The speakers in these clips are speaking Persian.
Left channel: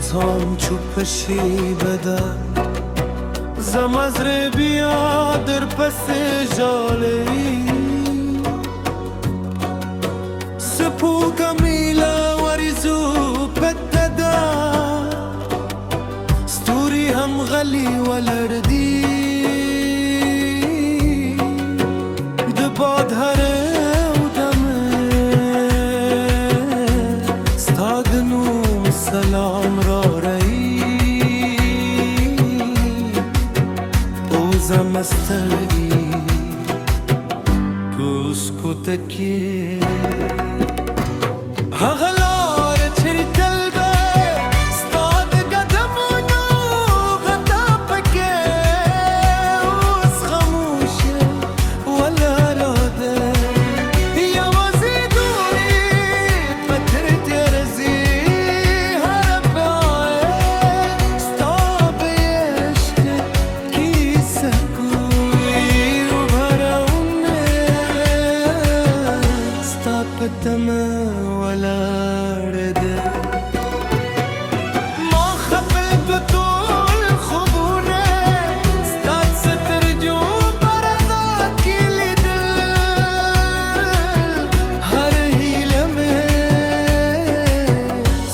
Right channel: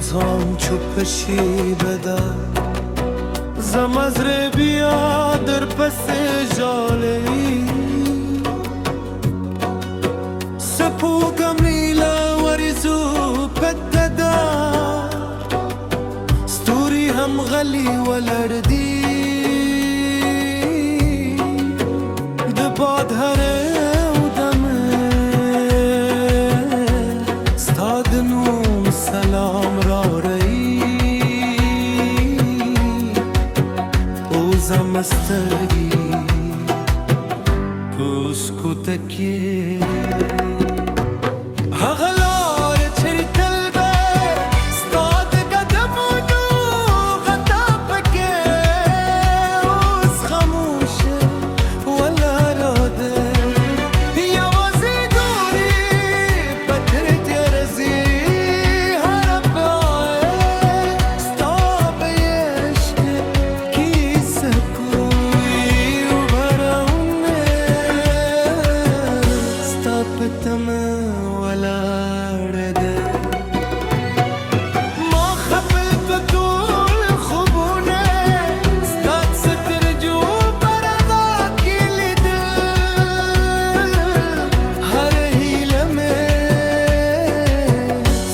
زام چوبشی بدر زمزر بیا در پس جالی سپو کمیلا ورزو پتدا ستوری هم غلی ولردی دباد هره و دمه ستادنو سلام را رئی اوزم استرگی پوسکو تکی هغلار چری تلبه ستاد قدمونو غطا پکه اوز خموشه ولا راده یوازی دوری پتر تیرزی هرب آئے ستا بیشک کی سکوی بھراؤنے ستا پتم ما خفلت طول خبونه ستاد سترجو برادات كل دل هر هيلمه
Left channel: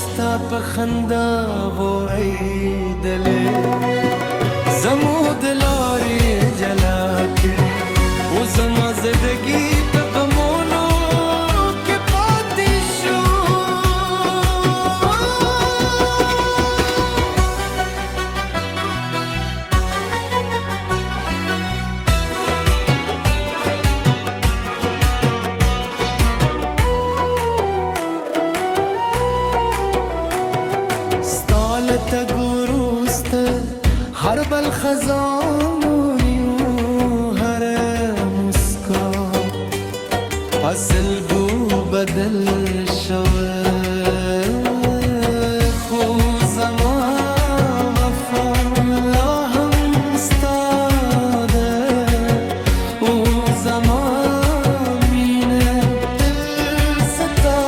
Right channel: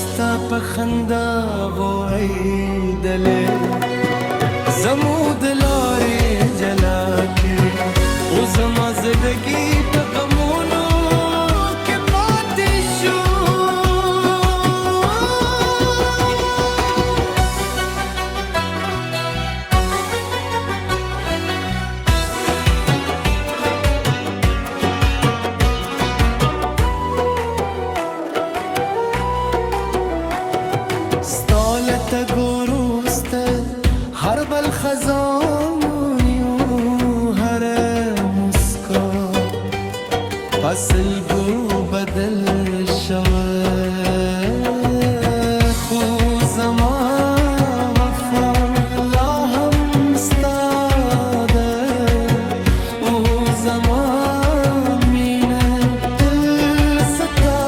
ستا بخندا غو عيدله زمود لاري جلاكي وزما زدگی په غمونو کې پاتې شو ستالت گروست هر بل خزانونیو هر مسکا فصل بو بدل شوه خو زمان وفا لا هم ستاده او زمان مینه دل ستا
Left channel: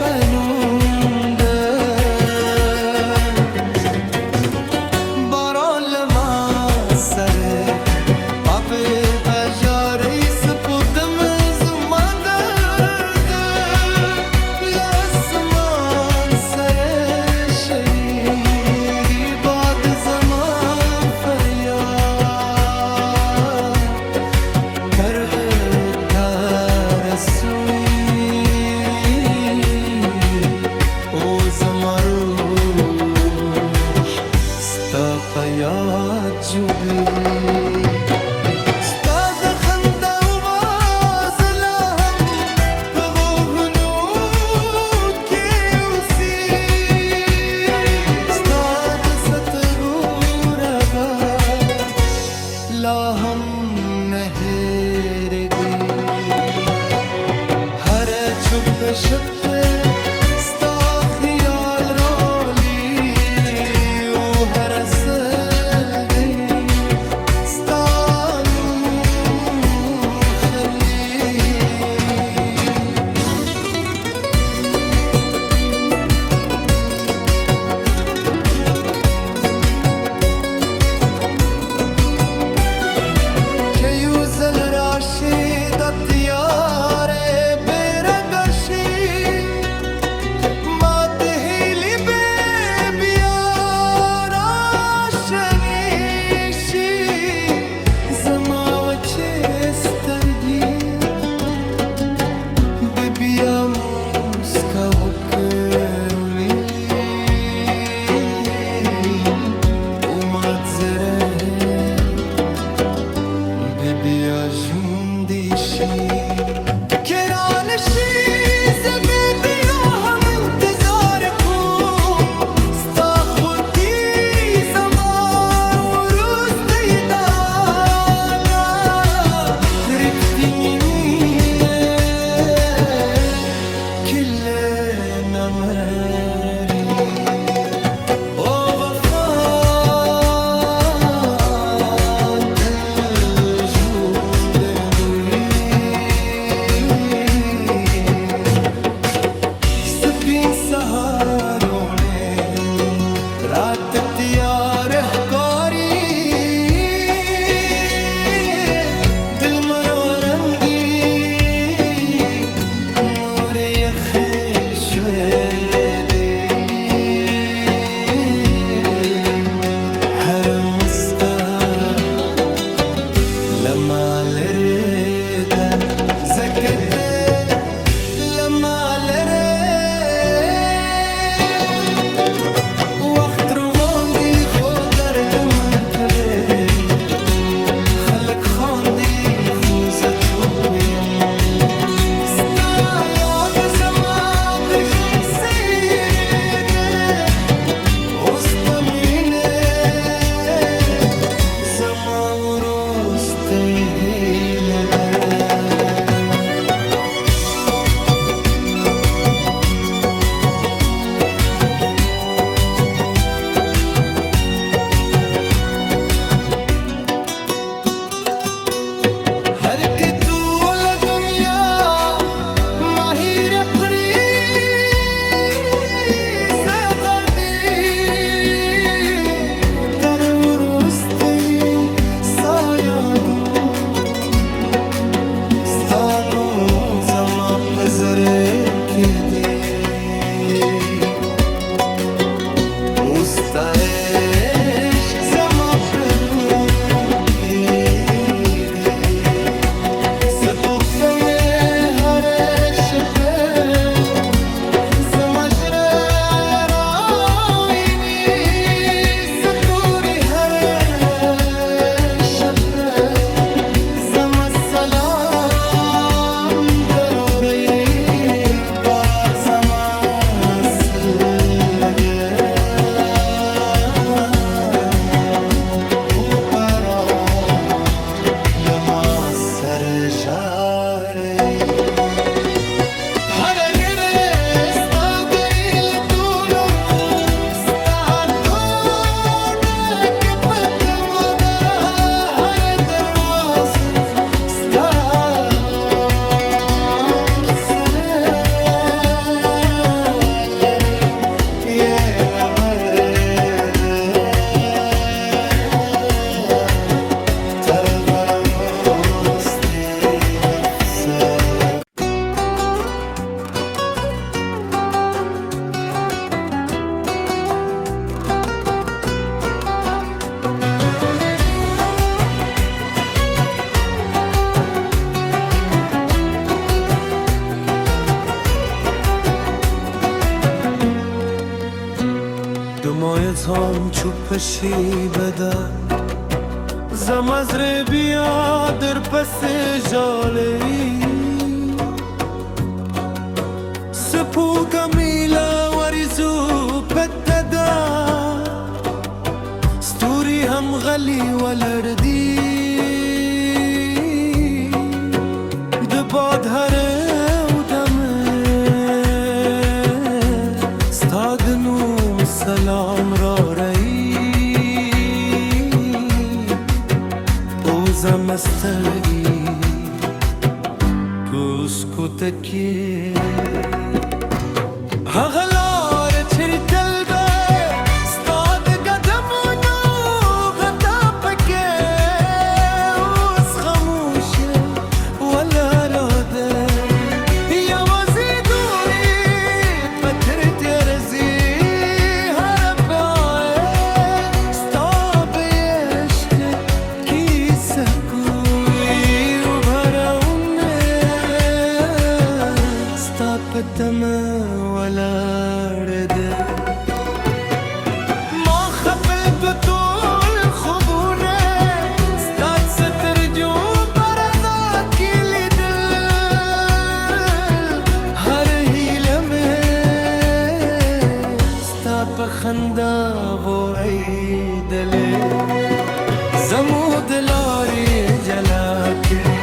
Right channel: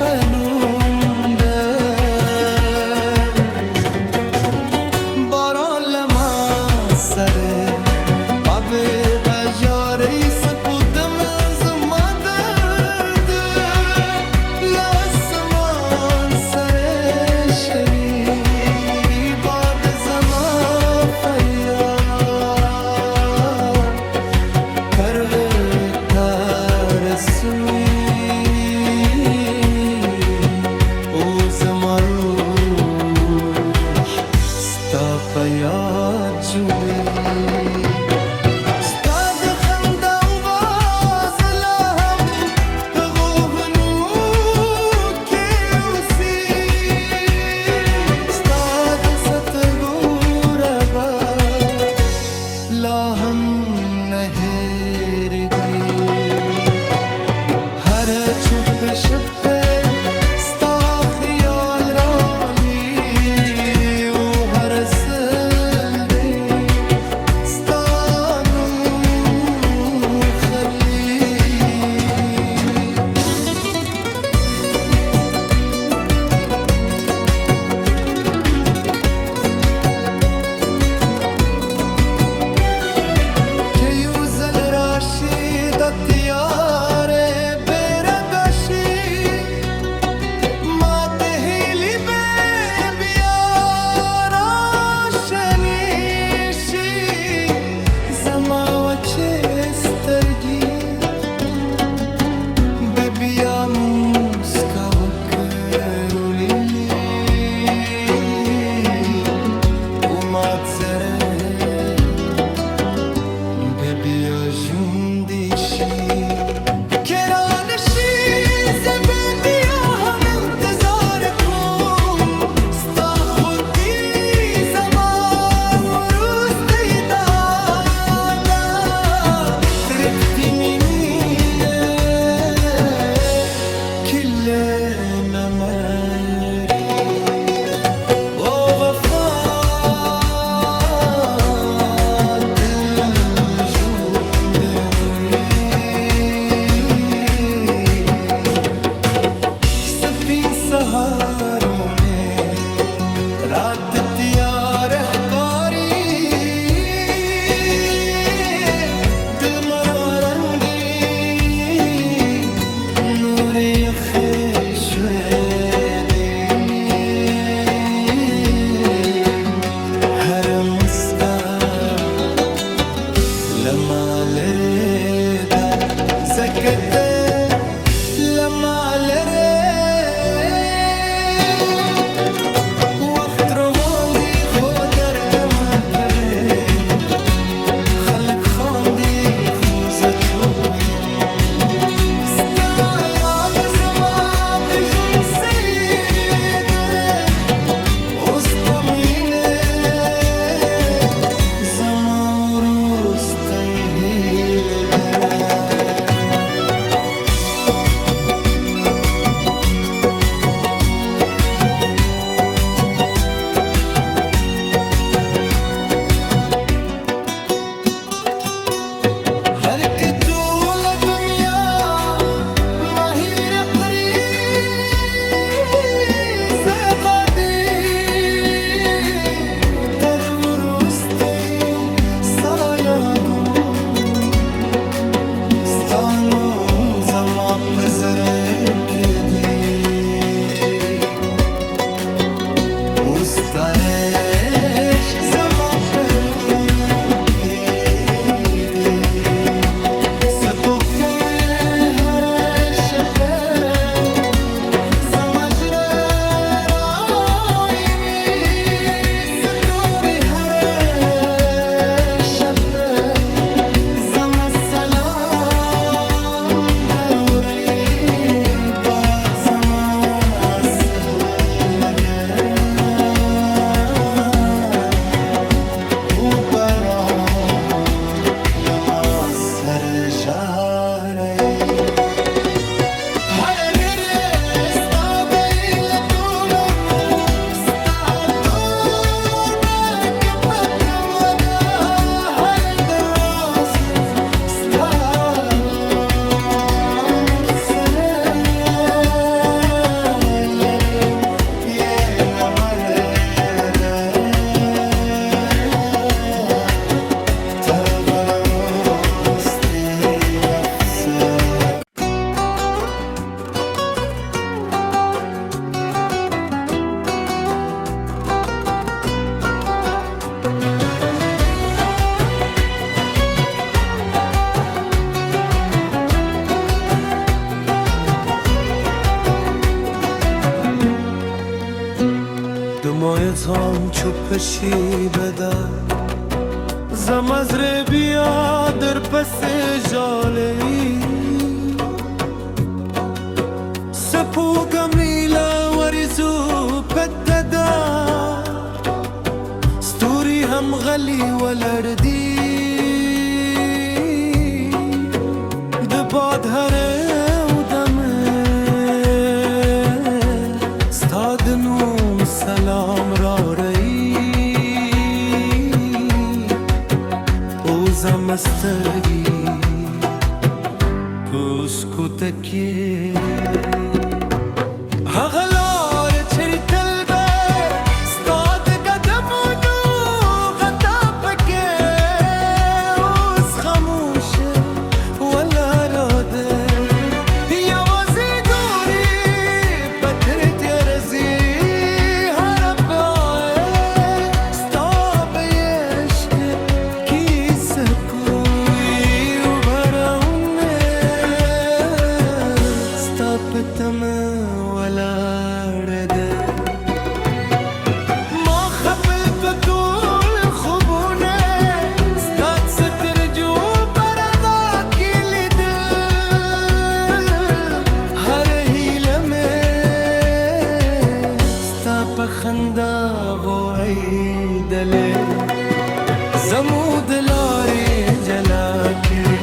پلونده باران لما سره آب بجاره سپودم یاد جوی ستا د خندا و باز لا هم په غوږونو کې اوسي ستا د سترګو ربا لا هم نه هېرېږي هر چوپ شپه ستا خیال رالی او هر سل دی ستا نوم خلی که یو زل راشی دا تیاره سترگی ببیا موسکا وکرولی اومد زره ببیا جوندیشی کرانشی سهاروں میں رات بتیار ښکاري دل مرو رنګي نور یخې شوې دي هر مسکا لما لرې ده ځکه ته لما لرې وخت روان دي خو درد مه کوې خلک خاندي خو زه چوپ یم ستا یاد زما د ژوند څیرې ده اوس د مینې زما وروستی هیله ده هر که ټول دنیا مهیر قری زغدي تر وروستی سایادو ستانو زما په زړه کې دي اوس ستا عشق زما په روح کې دي ستوکمه هر شپه زما زړه راویني ستوري هر شپه زما سلام ضروري باد زما سلګه و باران لما سر جاري هر ګره ستا بیلتونو ستا دود کپکم دا هر دروازه ستا مرسله لري یې لمرده تر وروستی نفسه دمایت هم چوپشی بده زمزره بیا در پس جالی سپو کمیلا وریزو پتدا ستوری هم غلی ولردی دباد هره و دمه ستادنو سلام را رئی اوزم استرگی پوسکو تکیه هغلار چری تلبه ستاد قدمونو غطا پکه اوز خموشه ولا راده یوازی دوری پتر تیرزی پتم ولاړه ده ما خپل طول خوبونه ستا ستر جو پردا کې لیدل هر هیله مې ستا په خندا غوړېدلې زموږ د لارې جلا کړې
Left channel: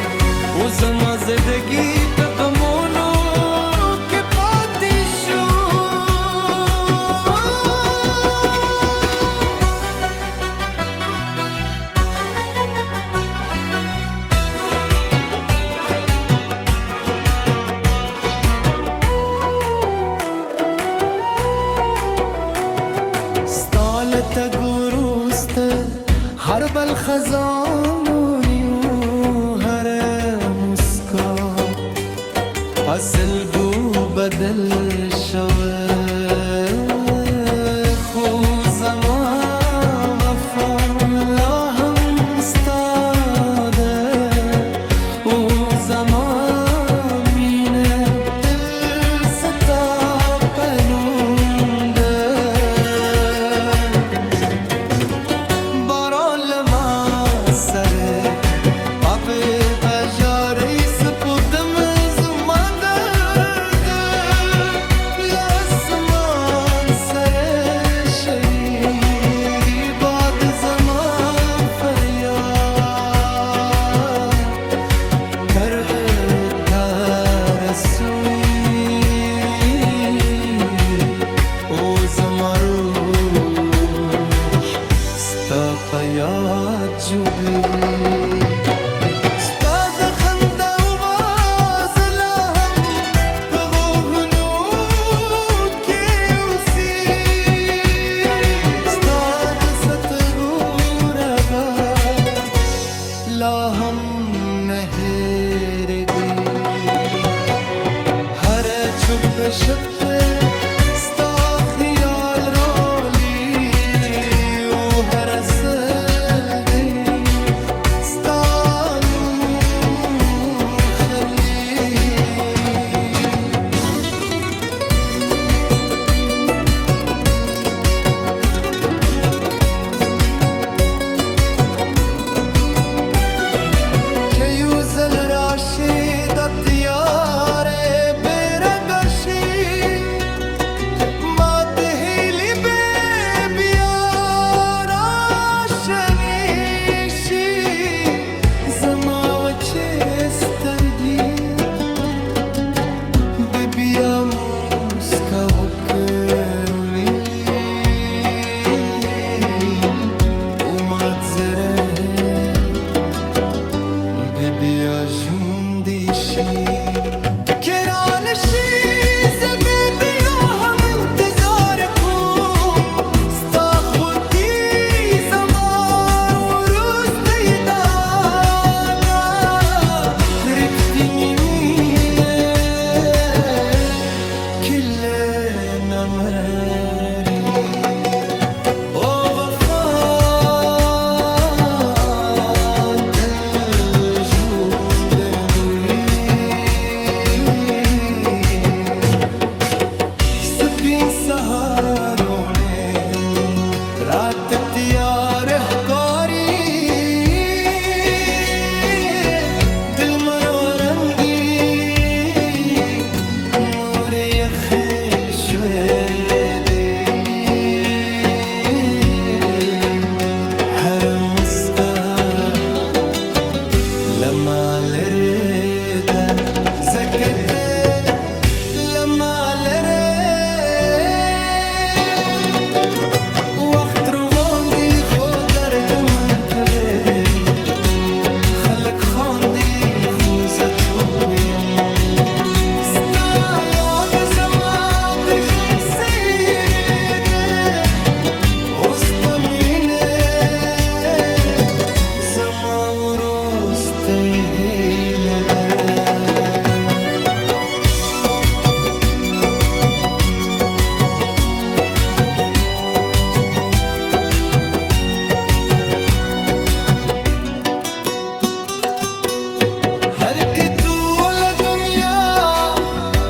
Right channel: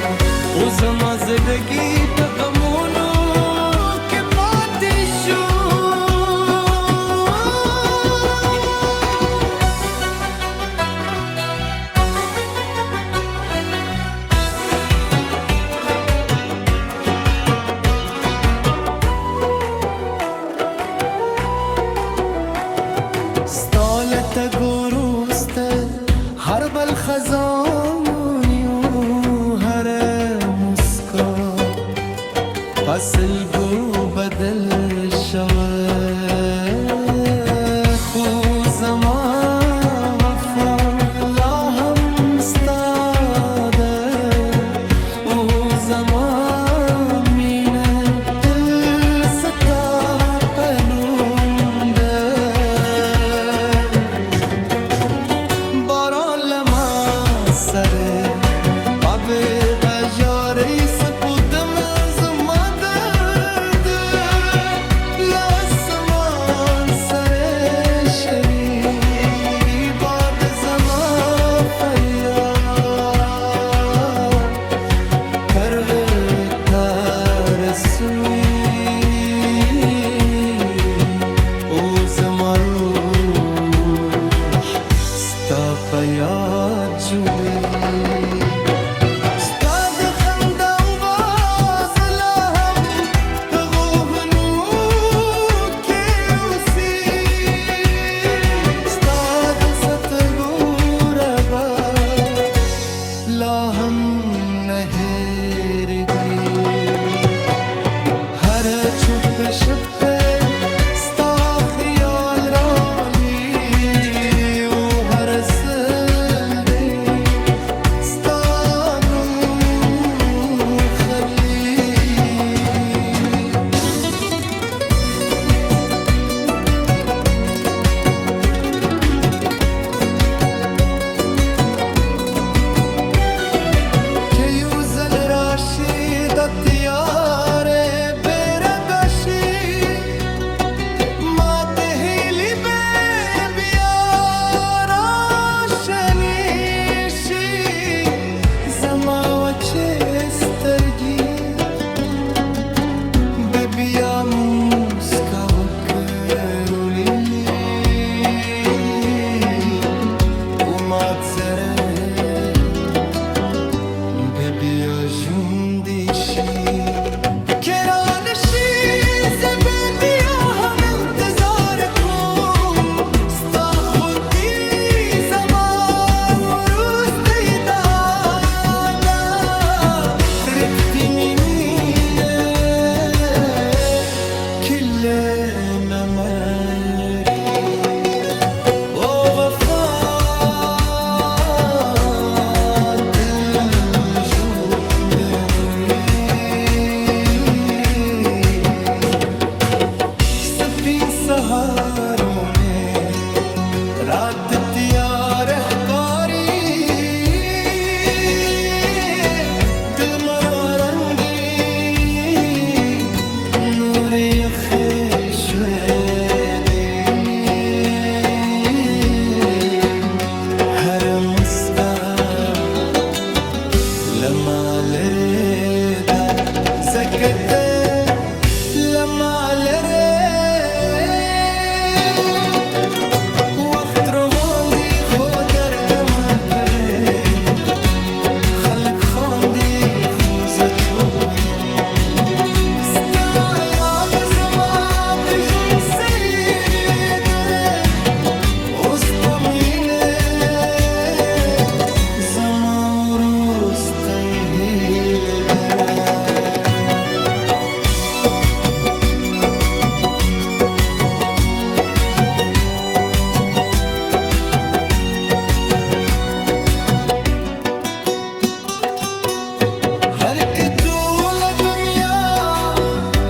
او زما زندګي په غمونو تگروسته هر بل خزانونی و هر مسکا اصل گو بدل شوه خو زمان وفا لا هم استاده او زمان مینه دل ستا پنونده باران لما سره آب بجاره سپودم یاد جوی ستاد خنده و باز لهم بغوهنو که اوسی ستاد ستگوره با لهم نهر دی هر چپ شپه ستا خیال رالی و هر سل دی ستانو خلی که یوزل راشی دا تیاره برداشی ما دهیلی زما وچه سترگی ببیا موسکا وکرو لیلی اومد زره ببیا جوندیشی کرانشی زببیا هم انتظار کن ستا خودی نمری او وفات جود دوی سپین سهاروں میں رات تیار احکاری دل مرو رنگی نور یخ شویدی هر مسکا لما لرده زکته لما لره وقت رواندی خودر کم کبری خلق خواندی خوزه چوبیم هر که طول دنیا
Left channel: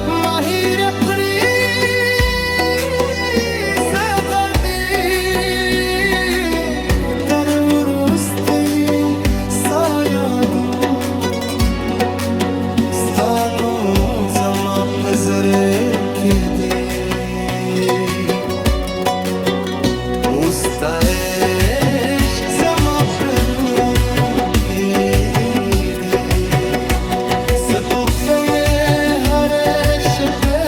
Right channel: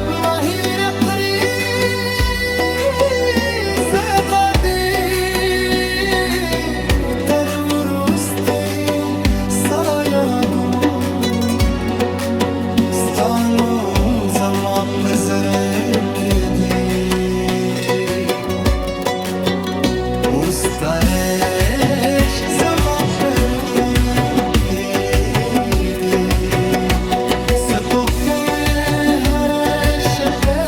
ماهی رقری زقدی تر ورستی سایادو ستانو زما پزره کدی استا عشق زما پرو کدی تو کم هر شپه